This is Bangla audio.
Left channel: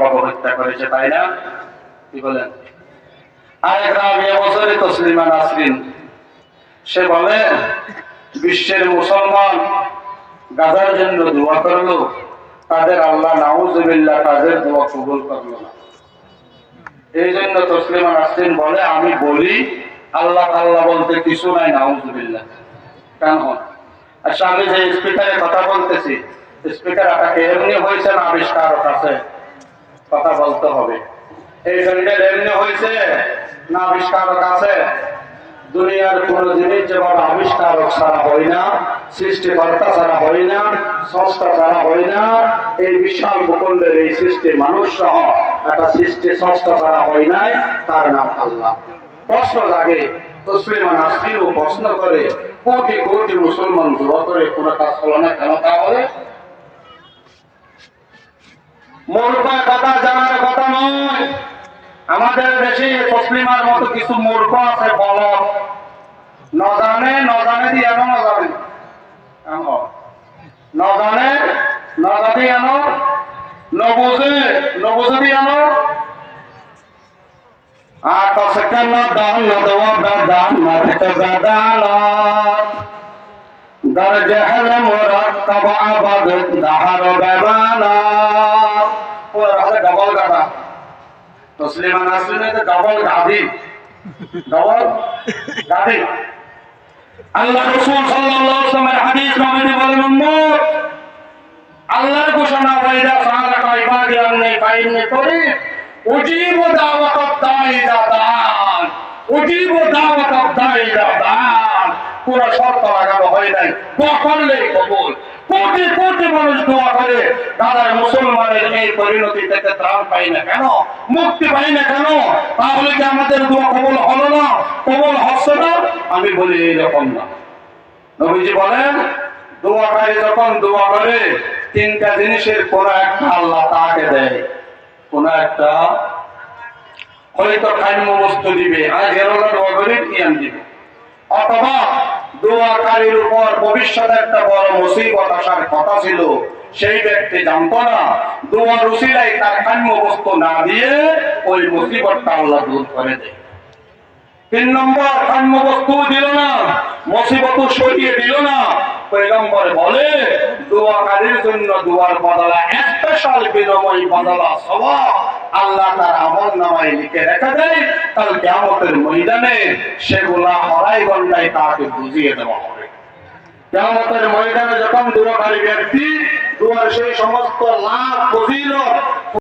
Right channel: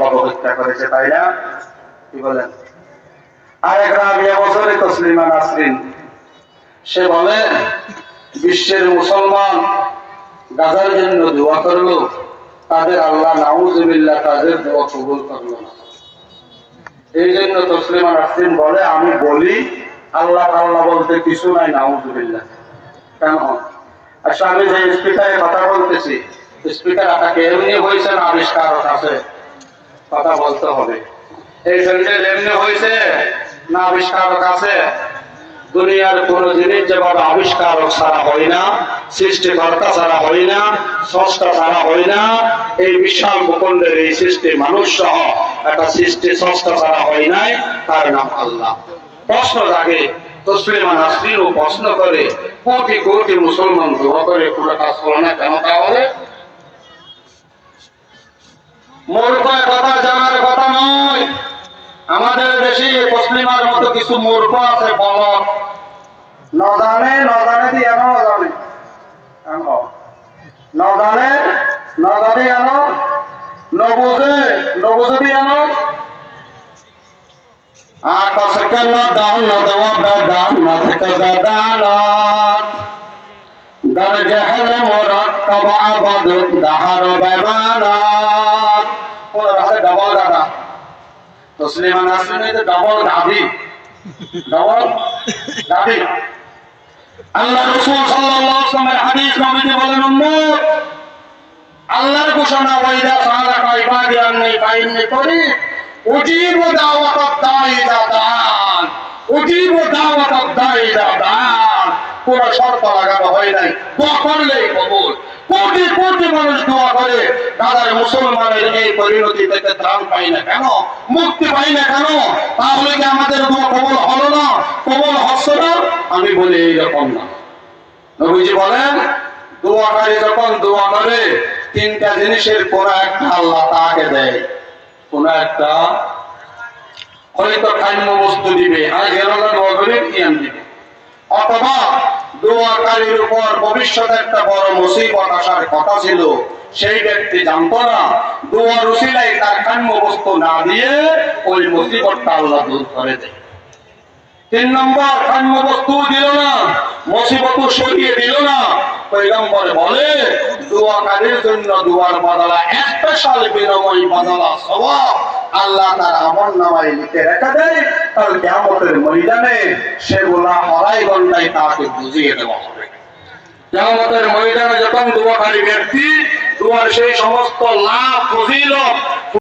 বাবা হত্যা করেছে, তাই না? কি বলেন? আরেক রাবিয়া বছরে তসলিমা নাসরিন, সে বলে বিশ্বের মুসলমান গাজার জন্য দোয়া করলো, তাদের আল্লাহ নাউজুবিল্লাহ তাদের দোয়া কবুল করলো না। এই জন্য তসলিমা নাসরিন বলে, আমি বলি আল্লাহ আল্লাহ বলতে কিছু নাই, নাউজুবিল্লাহ। কেন? আচ্ছা, আমি যে স্পিকারে কথা বলতেছি, স্পিকার আটাকে এমনি হয়েছে না আবিষ্কারক আছে? কথা বলতে হবে। এই সেন্টেল এমনি হয়েছে না আবিষ্কারক আছে? দুনিয়ার কোন জিনিস যেভাবে আবিষ্কারক ছাড়া হয় না, সৃষ্টিকর্তা ছাড়া হয় না, স্রষ্টা ছাড়া হয় না, এই বিশাল ভূখণ্ডের এই সৃষ্টি মানুষ সহ একটা সৃষ্টি স্রষ্টা ছাড়া হয় নাই, তার নাম আল্লাহ। প্রশ্ন জাগে, তসলিমা নাসরিনও প্রশ্ন করে, কোটি কোটি মুসলমান দোয়া করে, কোন কাজ হলো না কেন? তাহলে মূর্খ কথা জানার কথা নয়। আমাদের দেশে তসলিমার মতো কিছু মূর্খ আছে, বলদ, নজানে নজানে দিয়ে আনো, নজানে নজানে নজাদি আনো, নবুঝে নবুঝে দিয়ে আনো। আকসকাল দান নদওয়া দান নাথিক গাদালত দরজহল মুরাক্কাব আবাদ দাহার বাবানত। ওরা হলে ডবল গাদা। তসলিমা নাসরিনের ডবল গাধি, ডবল গাধি। আল্লাহ রাসূল সাল্লাল্লাহু আলাইহি ওয়াসাল্লামের হাদিস নবীজি বলেন, উম্মত, আল্লাহর ঘোষণা, ওয়াইদা সালাকা ইবাদি আন্নী ফাইন্নী করিব উজিবু দাওয়াতাদ দাঈ ইযা দাআন, উজিবু দাওয়াতাদ দাঈ ইযা দাআন। কোন শর্ত লাগানো হয় নাই, দোয়া করলেই কবুল। কোটি কোটি মানুষ দোয়া করে, দাদার মুসলমানের এই পরিণতি থেকে ত্রাণ পাই না কেন, মুক্তি পাই না কেন? তাহলে কি আমাদের দোয়া কবুল হলো না, কবুল হচ্ছে না? আমি বলি এইরকম না। নবীজি বলেন, দোয়াকারী যখন দোয়া করে, তিনটা জিনিসের কোন একটা আল্লাহ তাকে দেয়। কোন একটা, হয়তো খাদ্য বস্তু দিবে, আজ হেরোলা দোয়া করে ইয়াম দিবে, অথবা দোয়াকারীর উপর ভবিষ্যতে একটা বড় মুসিবত আসার কথা ছিল, সেই ব্যক্তি জানতো না, দোয়ার উসিলায় তার খাদ্য বস্তু না দিয়ে ওই মুসিবতটা আল্লাহ দূর করে দেয়। 3 নম্বর, খাদ্য বস্তু দিল না, মুসিবত সরিয়ে দিল না। পয়গম্বর বলে, দোয়াকারীর জন্য দোয়ার বদলা স্পেশাল বিনিময় বদলা সওয়াব আল্লাহ তার আমলনামায় লিখে রেখে দেয়। কাল কিয়ামতের ময়দানে সেগুলা আড়াই ঘন্টায় তাকে বুঝিয়ে দেওয়া হবে। কিয়ামতের ময়দানে যখন দোয়াকারী ব্যক্তি দোয়ার সেই সমস্ত লাভ ফজিলত